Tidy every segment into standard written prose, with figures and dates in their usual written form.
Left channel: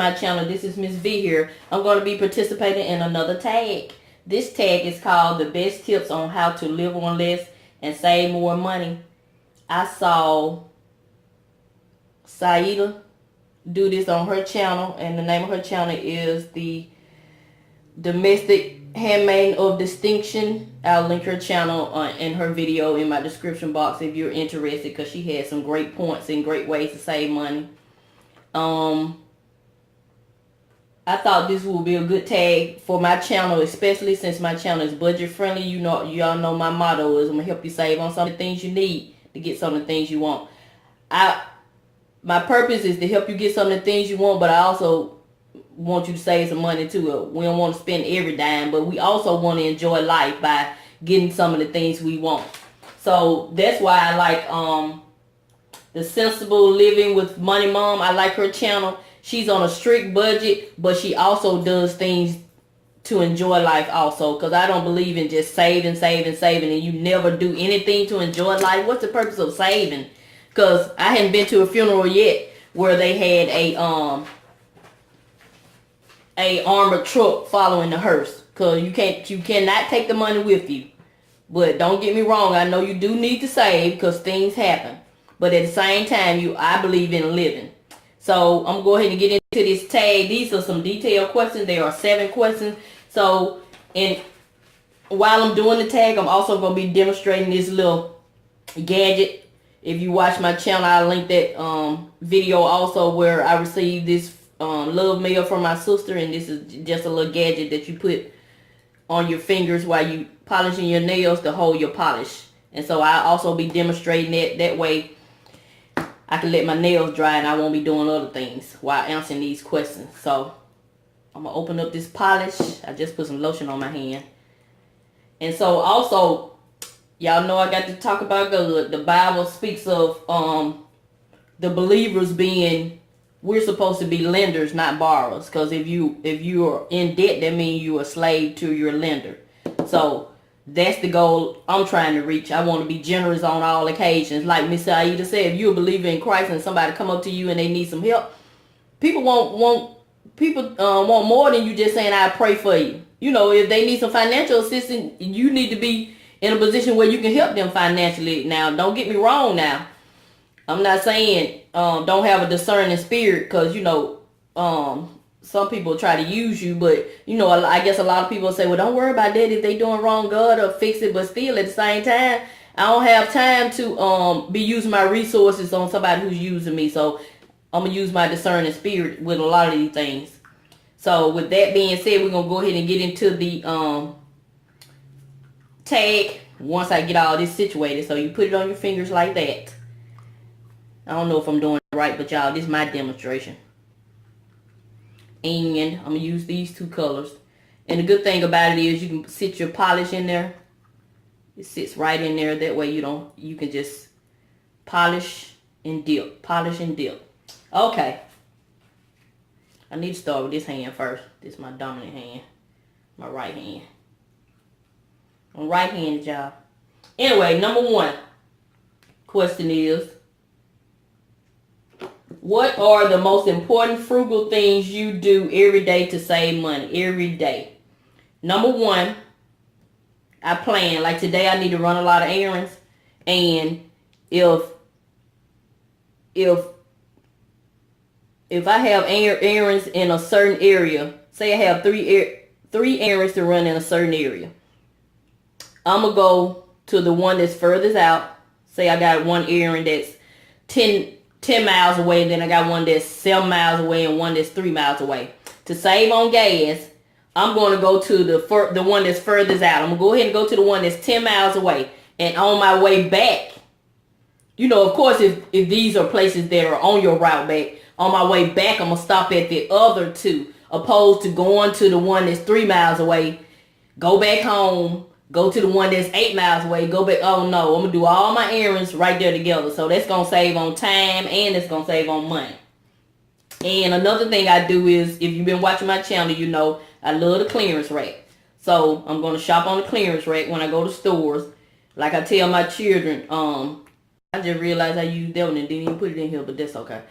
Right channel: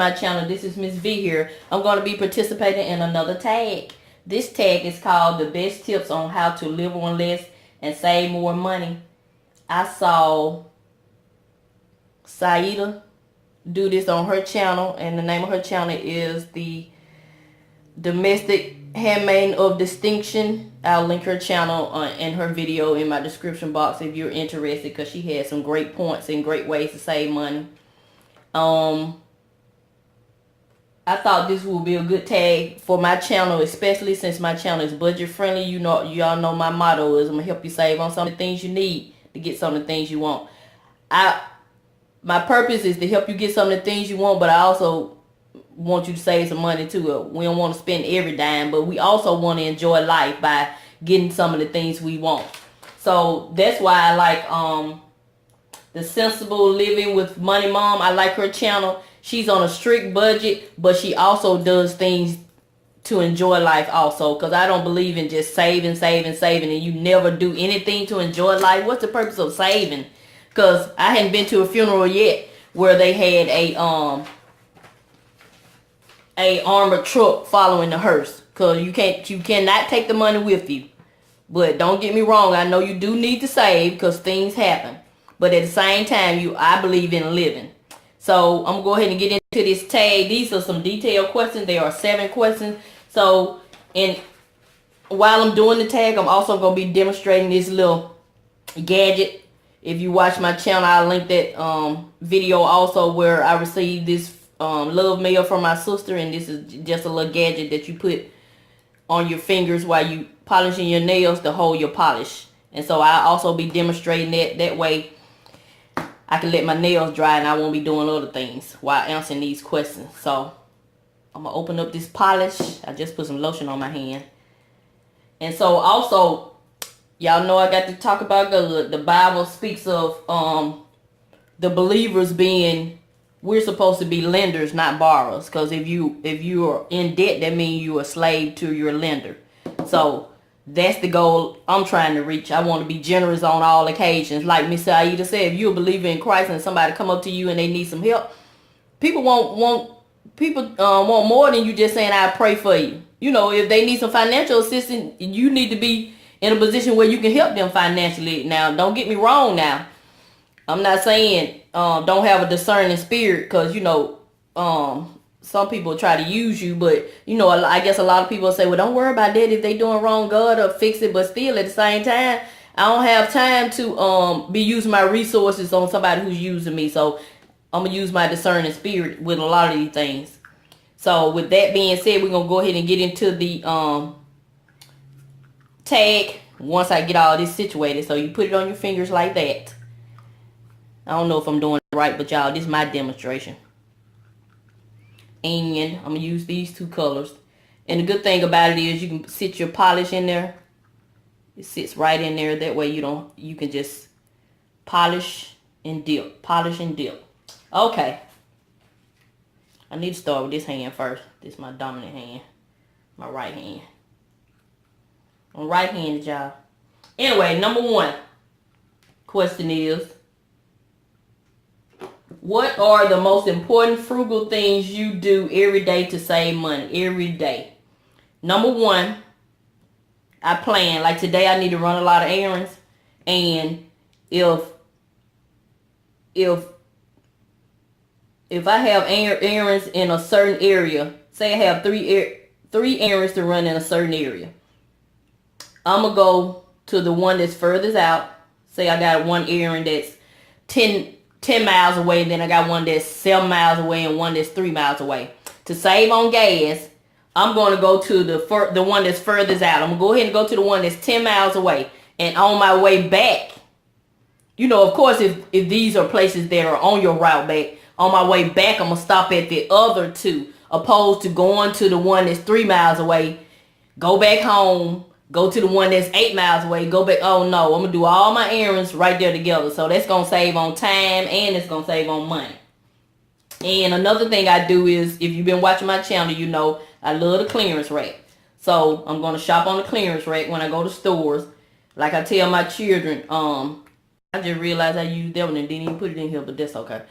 my channel. This is Miss V here. I'm going to be participating in another tag. This tag is called the best tips on how to live on less and save more money. I saw Saida do this on her channel, and the name of her channel is the Domestic Handmaiden of Distinction. I'll link her channel and her video in my description box if you're interested, because she has some great points and great ways to save money. I thought this would be a good tag for my channel, especially since my channel is budget friendly. You know, y'all know my motto is I'm gonna help you save on some of the things you need to get some of the things you want. My purpose is to help you get some of the things you want, but I also want you to save some money too. We don't want to spend every dime, but we also want to enjoy life by getting some of the things we want. So that's why I like the Sensible Living with Money Mom. I like her channel. She's on a strict budget, but she also does things to enjoy life also, because I don't believe in just saving, and you never do anything to enjoy life. What's the purpose of saving? Because I hadn't been to a funeral yet where they had a armored truck following the hearse, because you cannot take the money with you. But don't get me wrong, I know you do need to save because things happen, but at the same time, I believe in living. So I'm gonna go ahead and get into this tag. These are some detailed questions. There are 7 questions. So while I'm doing the tag, I'm also gonna be demonstrating this little gadget. If you watch my channel, I linked that video also where I received this love mail from my sister, and this is just a little gadget that you put on your fingers while you polishing your nails to hold your polish. And so I also be demonstrating that way I can let my nails dry and I won't be doing other things while answering these questions. So I'm gonna open up this polish. I just put some lotion on my hand. And so also, y'all know I got to talk about the Bible speaks of the believers being, we're supposed to be lenders, not borrowers. Because if you are in debt, that means you're a slave to your lender. So that's the goal I'm trying to reach. I want to be generous on all occasions. Like Miss Aida said, if you're a believer in Christ and somebody come up to you and they need some help, people want more than you just saying, I pray for you. You know, if they need some financial assistance, you need to be in a position where you can help them financially. Now, don't get me wrong now. I'm not saying don't have a discerning spirit, because, you know, some people try to use you, but, you know, I guess a lot of people say, well, don't worry about that. If they doing wrong, God will fix it. But still, at the same time, I don't have time to be using my resources on somebody who's using me. So I'm going to use my discerning spirit with a lot of these things. So with that being said, we're going to go ahead and get into the tag once I get all this situated. So you put it on your fingers like that. I don't know if I'm doing it right, but y'all, this is my demonstration. And I'm going to use these 2 colors. And the good thing about it is you can sit your polish in there. It sits right in there. That way you can just polish and dip. Polish and dip. Okay. I need to start with this hand first. This is my dominant hand. My right hand. I'm right-handed, y'all. Anyway, number 1 question is, what are the most important frugal things you do every day to save money? Every day. Number 1, I plan. Like today, I need to run a lot of errands. And if I have errands in a certain area, say I have three errands to run in a certain area, I'm going to go to the one that's furthest out. Say I got one errand that's 10 miles away, and then I got one that's 7 miles away and one that's 3 miles away. To save on gas, I'm going to go to the one that's furthest out. I'm going to go ahead and go to the one that's 10 miles away. And on my way back, you know, of course, if these are places that are on your route back, on my way back, I'm going to stop at the other 2, opposed to going to the one that's 3 miles away, go back home, go to the one that's 8 miles away, go back. Oh no, I'm going to do all my errands right there together. So that's going to save on time and it's going to save on money. And another thing I do is, if you've been watching my channel, you know I love the clearance rack. So I'm going to shop on the clearance rack when I go to stores. Like I tell my children, I just realized I used that one and didn't even put it in here, but that's okay.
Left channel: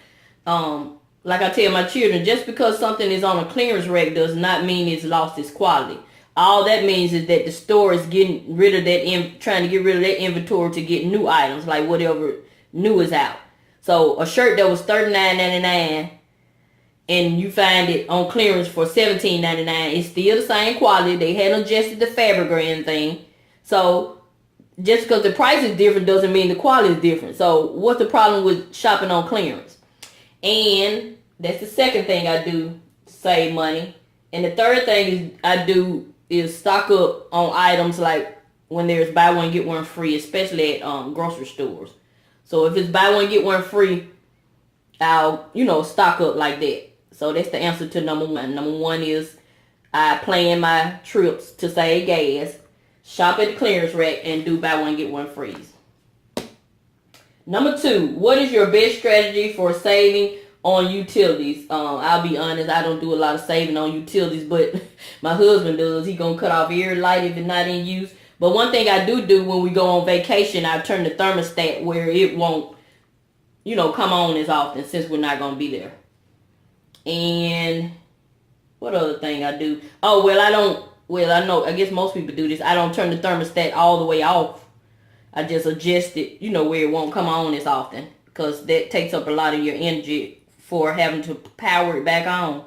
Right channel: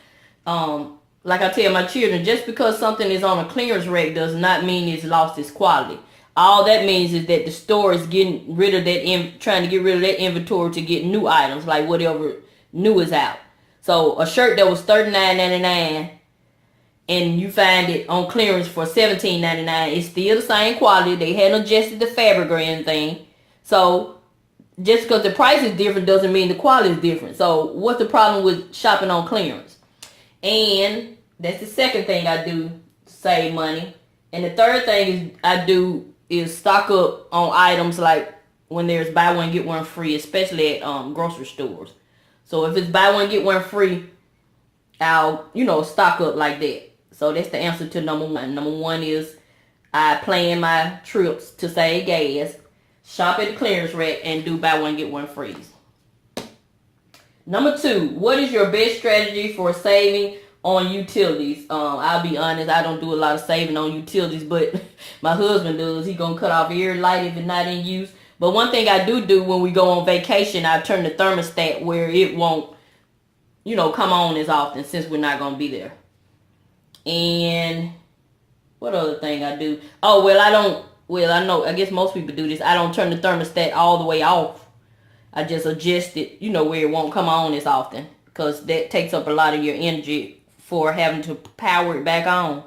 like I tell my children, just because something is on a clearance rack does not mean it's lost its quality. All that means is that the store is getting rid of that, trying to get rid of that inventory to get new items, like whatever new is out. So a shirt that was $39.99 and you find it on clearance for $17.99, it's still the same quality. They hadn't adjusted the fabric or anything. So just because the price is different doesn't mean the quality is different. So what's the problem with shopping on clearance? And that's the second thing I do to save money. And the third thing I do is stock up on items like when there's buy one get one free, especially at grocery stores. So if it's buy one get one free, I'll stock up like that. So that's the answer to number one. Number one is I plan my trips to save gas, shop at the clearance rack, and do buy one get one free. Number two, what is your best strategy for saving on utilities? I'll be honest, I don't do a lot of saving on utilities, but my husband does. He gonna cut off every light if it's not in use. But one thing I do when we go on vacation, I turn the thermostat where it won't, come on as often since we're not gonna be there. And what other thing I do? Oh, I know, I guess most people do this. I don't turn the thermostat all the way off. I just adjust it, where it won't come on as often, because that takes up a lot of your energy for having to power it back on.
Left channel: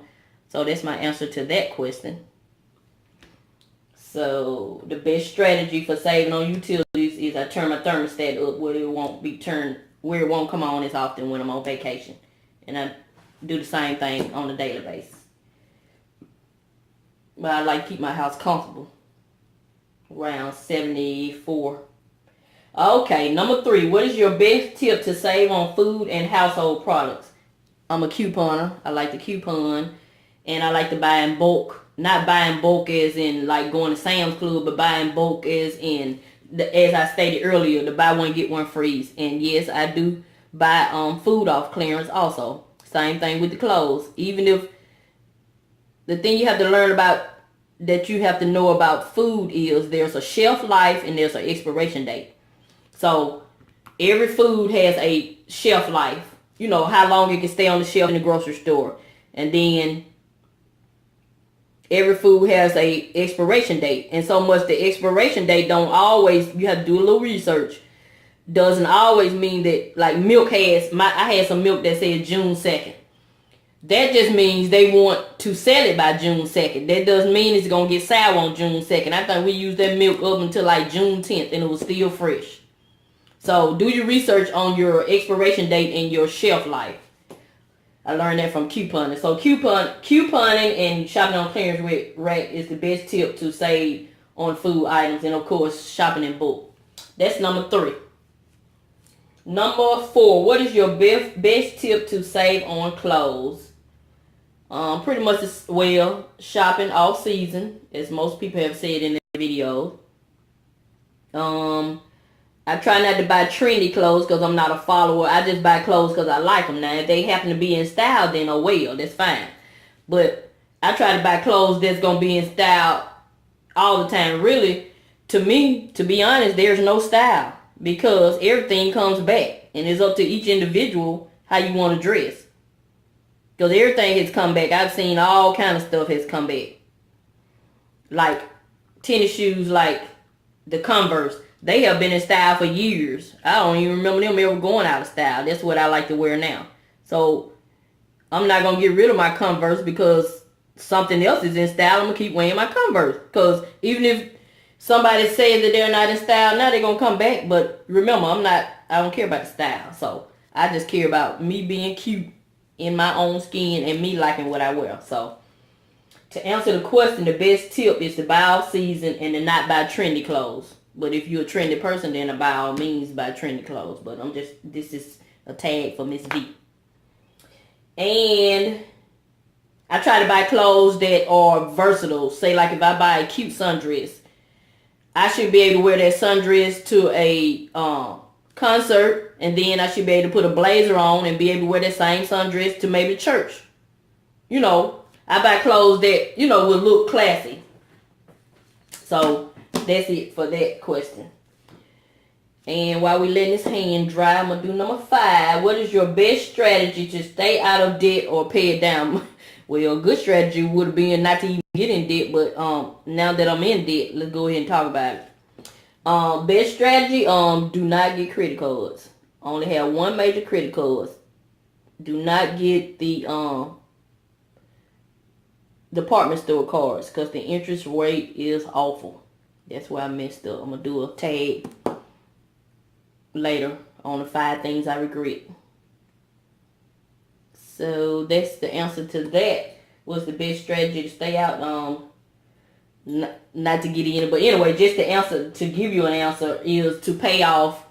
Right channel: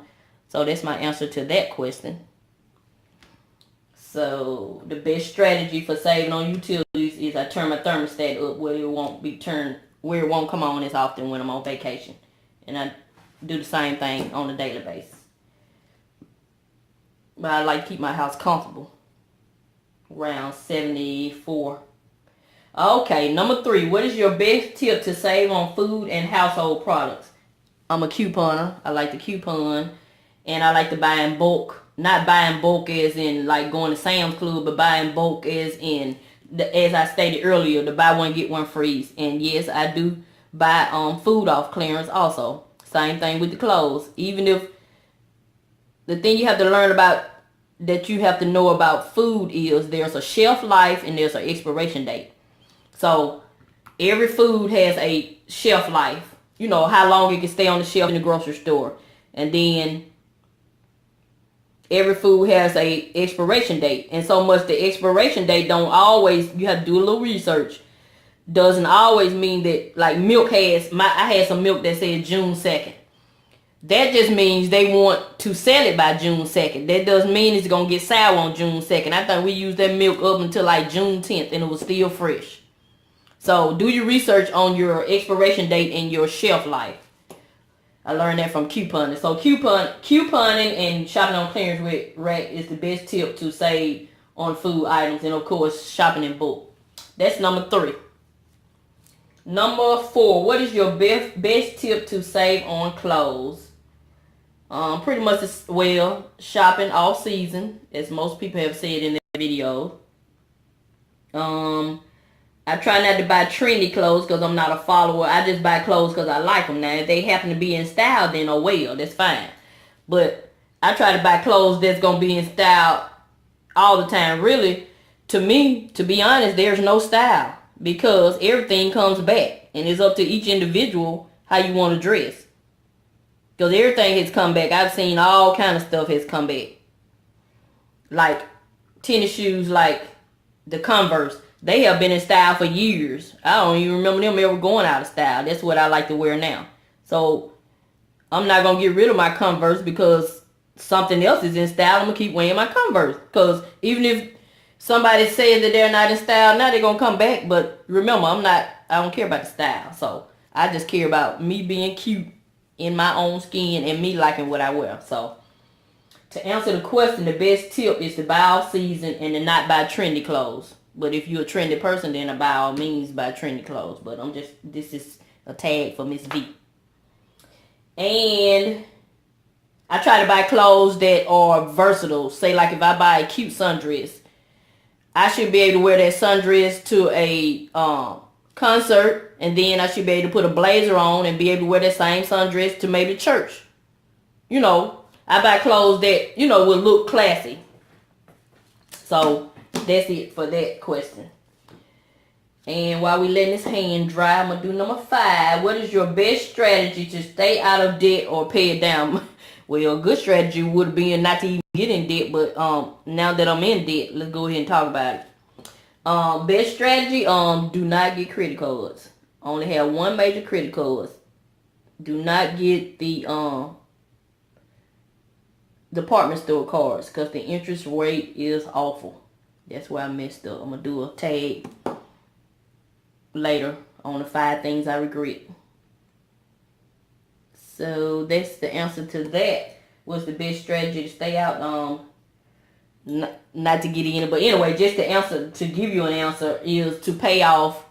So that's my answer to that question. So the best strategy for saving on utilities is I turn my thermostat up where it won't come on as often when I'm on vacation. And I do the same thing on a daily basis. But I like to keep my house comfortable. Around 74. Okay, number three. What is your best tip to save on food and household products? I'm a couponer. I like to coupon. And I like to buy in bulk. Not buying bulk as in like going to Sam's Club, but buying bulk as in, as I stated earlier, the buy one get one free. And yes, I do buy food off clearance also. Same thing with the clothes. Even if the thing you have to learn about, that you have to know about food, is there's a shelf life and there's an expiration date. So every food has a shelf life. How long it can stay on the shelf in the grocery store. And then every food has a expiration date. And so much the expiration date don't always, you have to do a little research. Doesn't always mean that, like milk I had some milk that said June 2nd. That just means they want to sell it by June 2nd. That doesn't mean it's going to get sour on June 2nd. I think we used that milk up until like June 10th and it was still fresh. So do your research on your expiration date and your shelf life. I learned that from couponing. So couponing and shopping on clearance rack is the best tip to save on food items. And of course, shopping in bulk. That's number three. Number four, what is your best tip to save on clothes? Pretty much shopping off season, as most people have said in their video. I try not to buy trendy clothes because I'm not a follower. I just buy clothes because I like them. Now, if they happen to be in style, then that's fine. But I try to buy clothes that's going to be in style all the time. Really, to me, to be honest, there's no style because everything comes back. And it's up to each individual how you want to dress. Because everything has come back. I've seen all kind of stuff has come back. Like tennis shoes, like the Converse. They have been in style for years. I don't even remember them ever going out of style. That's what I like to wear now. So I'm not going to get rid of my Converse because something else is in style. I'm going to keep wearing my Converse. Because even if somebody says that they're not in style, now they're going to come back. But remember, I don't care about the style. So I just care about me being cute in my own skin and me liking what I wear. So to answer the question, the best tip is to buy off season and to not buy trendy clothes. But if you're a trendy person, then by all means buy trendy clothes. But this is a tag for Miss V. And I try to buy clothes that are versatile. Say like if I buy a cute sundress, I should be able to wear that sundress to a concert. And then I should be able to put a blazer on and be able to wear that same sundress to maybe church. I buy clothes that, will look classy. So that's it for that question. And while we letting this hand dry, I'm gonna do number 5. What is your best strategy to stay out of debt or pay it down? Well, a good strategy would be not to even get in debt, but now that I'm in debt, let's go ahead and talk about it. Best strategy, do not get credit cards. Only have one major credit card. Do not get the department store cards because the interest rate is awful. That's where I messed up. I'm gonna do a tag later on the 5 things I regret. So that's the answer to that. What's the best strategy to stay out? Not to get in it, but anyway, just the answer to give you an answer is to pay off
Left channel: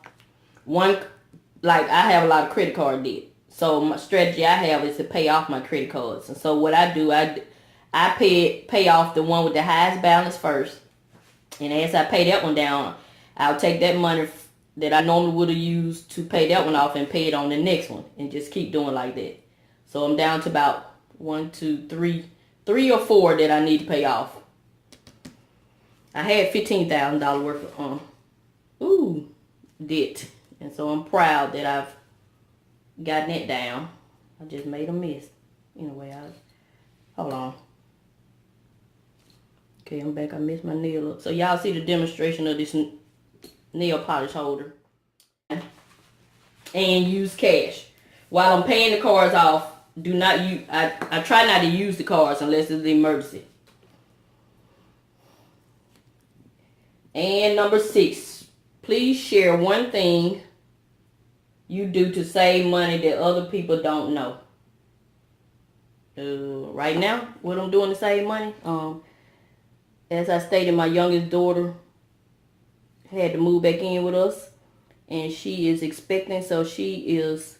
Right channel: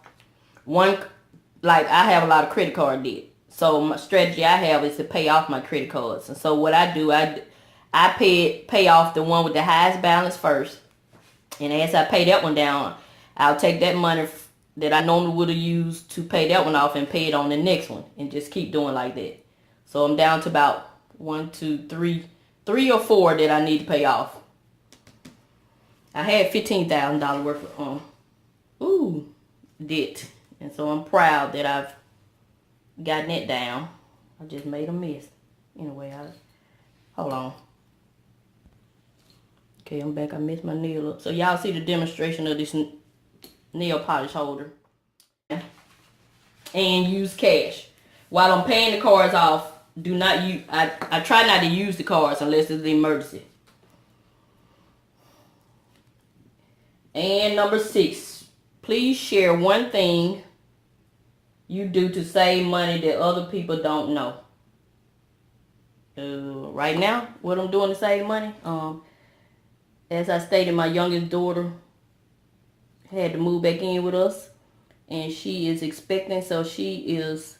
one. Like I have a lot of credit card debt, so my strategy I have is to pay off my credit cards. And so what I do, I pay off the one with the highest balance first, and as I pay that one down, I'll take that money that I normally would have used to pay that one off and pay it on the next one, and just keep doing like that. So I'm down to about 1, 2, 3 or 4 that I need to pay off. I had $15,000 worth of debt, and so I'm proud that I've gotten it down. I just made a mess. Anyway, hold on. Okay, I'm back. I messed my nail up. So y'all see the demonstration of this nail polish holder. And use cash. While I'm paying the cards off, do not use. I try not to use the cards unless it's an emergency. And number 6, please share one thing you do to save money that other people don't know. Right now, what I'm doing to save money, as I stated, my youngest daughter had to move back in with us, and she is expecting, so she is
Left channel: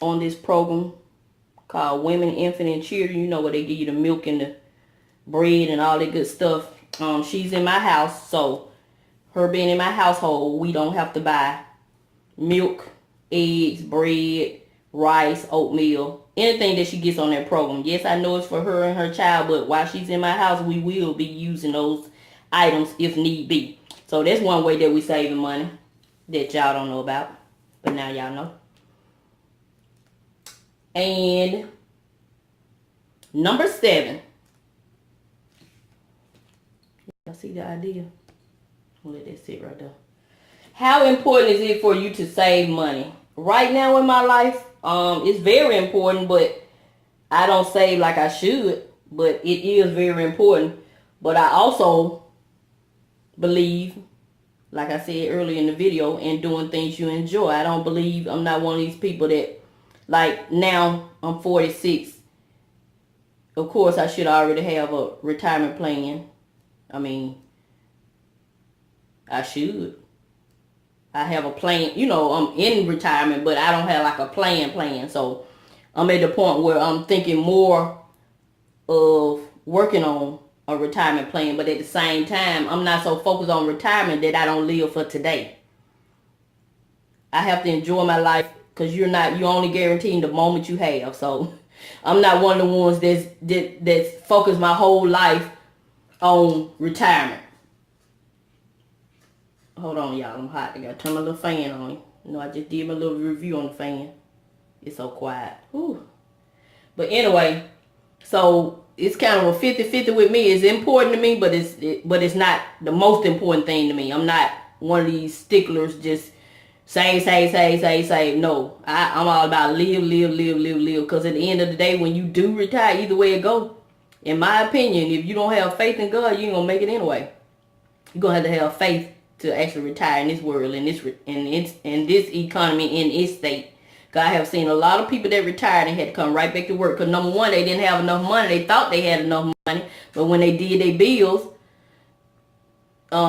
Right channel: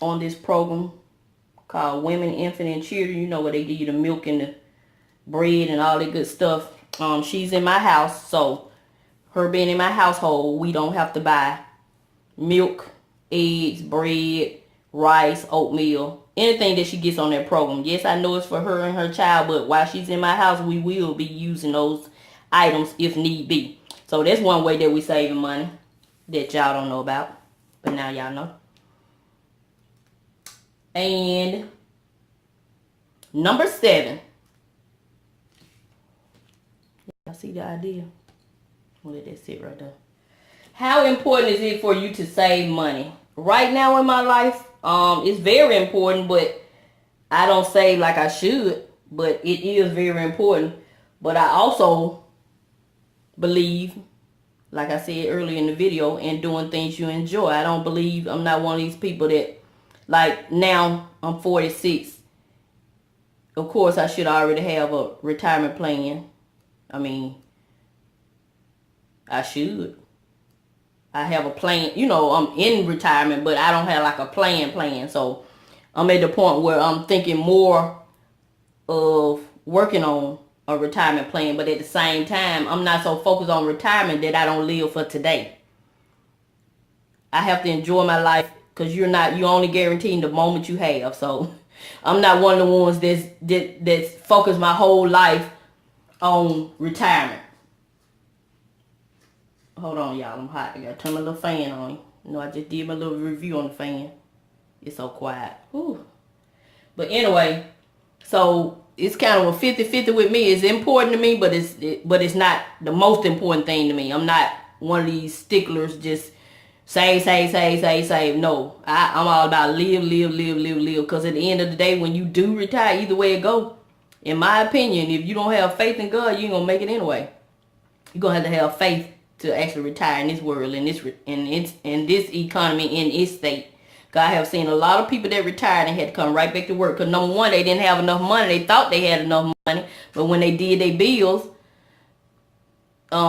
on this program called Women, Infant, and Children. You know, where they give you the milk and the bread and all that good stuff. She's in my house, so her being in my household, we don't have to buy milk, eggs, bread, rice, oatmeal, anything that she gets on that program. Yes, I know it's for her and her child, but while she's in my house, we will be using those items if need be. So that's one way that we saving money that y'all don't know about, but now y'all know. And number 7. I see the idea. I'll let that sit right there. How important is it for you to save money? Right now in my life, it's very important, but I don't save like I should, but it is very important. But I also believe, like I said earlier in the video, in doing things you enjoy. I don't believe, I'm not one of these people that, like now I'm 46. Of course, I should already have a retirement plan. I mean, I should. I have a plan. You know, I'm in retirement, but I don't have like a plan. So I'm at the point where I'm thinking more of working on a retirement plan. But at the same time, I'm not so focused on retirement that I don't live for today. I have to enjoy my life because you're only guaranteeing the moment you have. So I'm not one of the ones that's focused my whole life on retirement. Hold on, y'all. I'm hot. I gotta turn my little fan on. You know, I just did my little review on the fan. It's so quiet. Whew. But anyway, so it's kind of a 50-50 with me. It's important to me, but it's not the most important thing to me. I'm not one of these sticklers just save. No, I'm all about live. Because at the end of the day, when you do retire, either way it go, in my opinion, if you don't have faith in God, you ain't gonna make it anyway. You're gonna have to have faith to actually retire in this world, in this economy, in its state. God, I have seen a lot of people that retired and had to come right back to work. Because number one, they didn't have enough money. They thought they had enough money, but when they did their bills,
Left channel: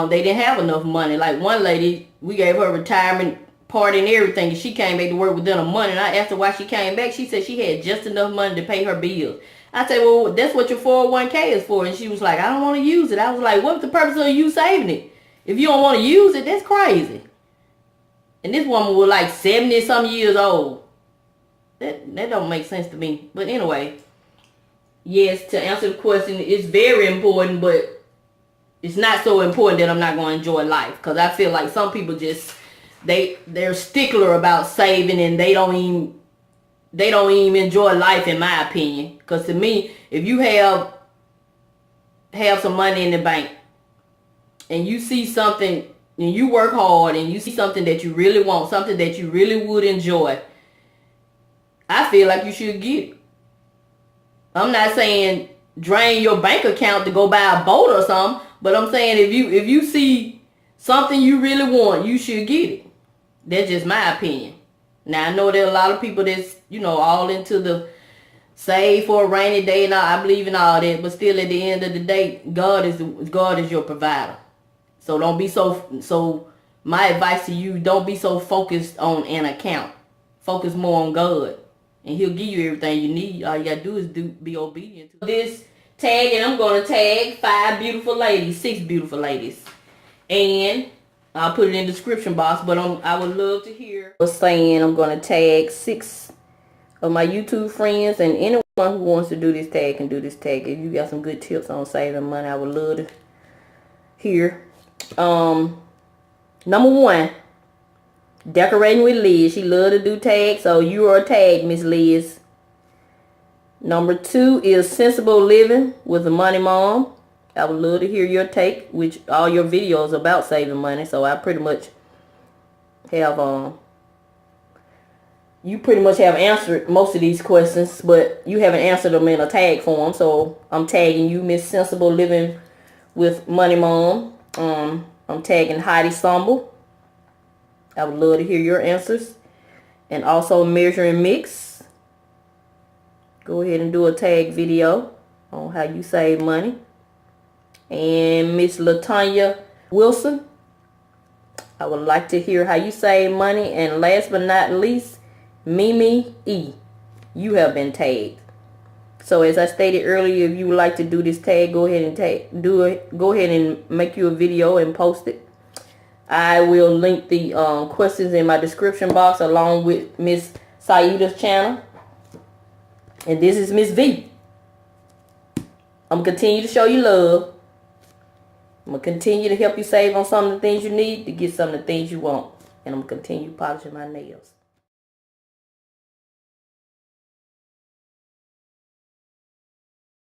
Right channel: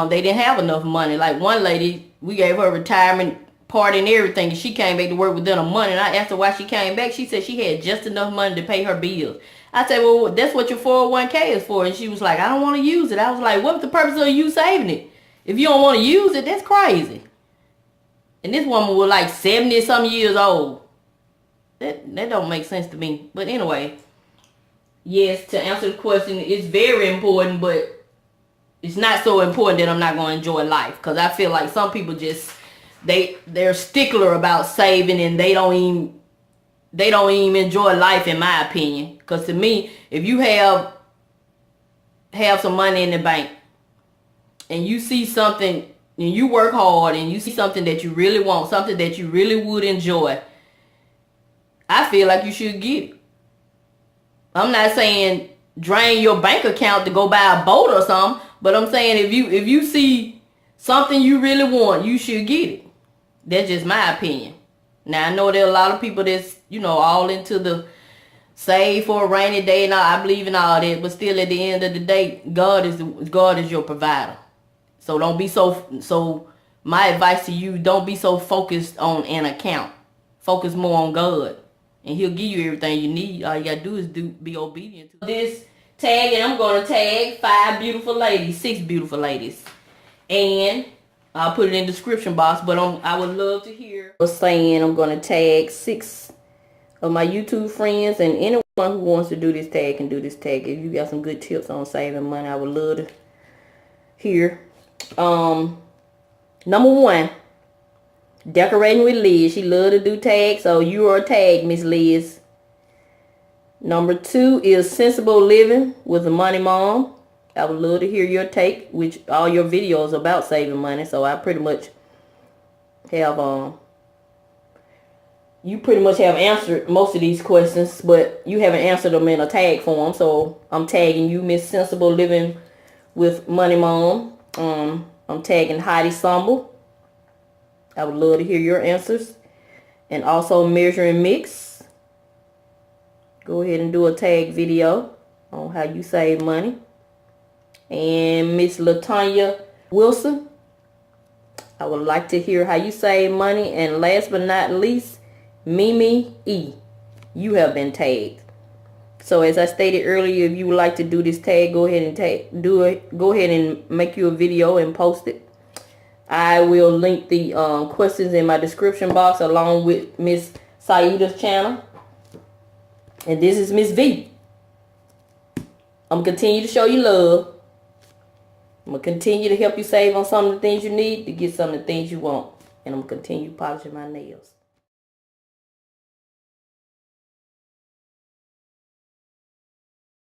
they didn't have enough money. Like one lady, we gave her retirement party and everything, and she came back to work within a month. And I asked her why she came back. She said she had just enough money to pay her bills. I said, well, that's what your 401k is for. And she was like, I don't want to use it. I was like, what's the purpose of you saving it? If you don't want to use it, that's crazy. And this woman was like 70-some years old. That don't make sense to me. But anyway, yes, to answer the question, it's very important, but it's not so important that I'm not going to enjoy life. Because I feel like some people just, they're stickler about saving, and they don't even enjoy life, in my opinion. Because to me, if you have some money in the bank, and you see something, and you work hard, and you see something that you really want, something that you really would enjoy, I feel like you should get it. I'm not saying drain your bank account to go buy a boat or something, but I'm saying if you see something you really want, you should get it. That's just my opinion. Now, I know there are a lot of people that's, all into the save for a rainy day, and I believe in all that, but still at the end of the day, God is your provider. So don't be so my advice to you, don't be so focused on an account. Focus more on God, and He'll give you everything you need. All you gotta do is be obedient to this tag, and I'm gonna tag 6 beautiful ladies, and I'll put it in the description box. But I would love to hear. I'm saying I'm gonna tag 6 of my YouTube friends, and anyone who wants to do this tag can do this tag. If you got some good tips on saving money, I would love to hear. Number 1, decorating with Liz. She love to do tags, so you are a tag, Miss Liz. Number 2 is sensible living with the money mom. I would love to hear your take, which all your videos about saving money. So I pretty much have you pretty much have answered most of these questions, but you haven't answered them in a tag form. So I'm tagging you, Miss Sensible Living with Money Mom. I'm tagging Heidi Stumble. I would love to hear your answers. And also Measure and Mix. Go ahead and do a tag video on how you save money. And Miss Latanya Wilson. I would like to hear how you save money. And last but not least, Mimi E. You have been tagged. So as I stated earlier, if you would like to do this tag, go ahead and do it. Go ahead and make you a video and post it. I will link the questions in my description box along with Miss Saida's channel. And this is Miss V. I'm going to continue to show you love. I'm going to continue to help you save on some of the things you need to get some of the things you want. And I'm going to continue polishing my nails.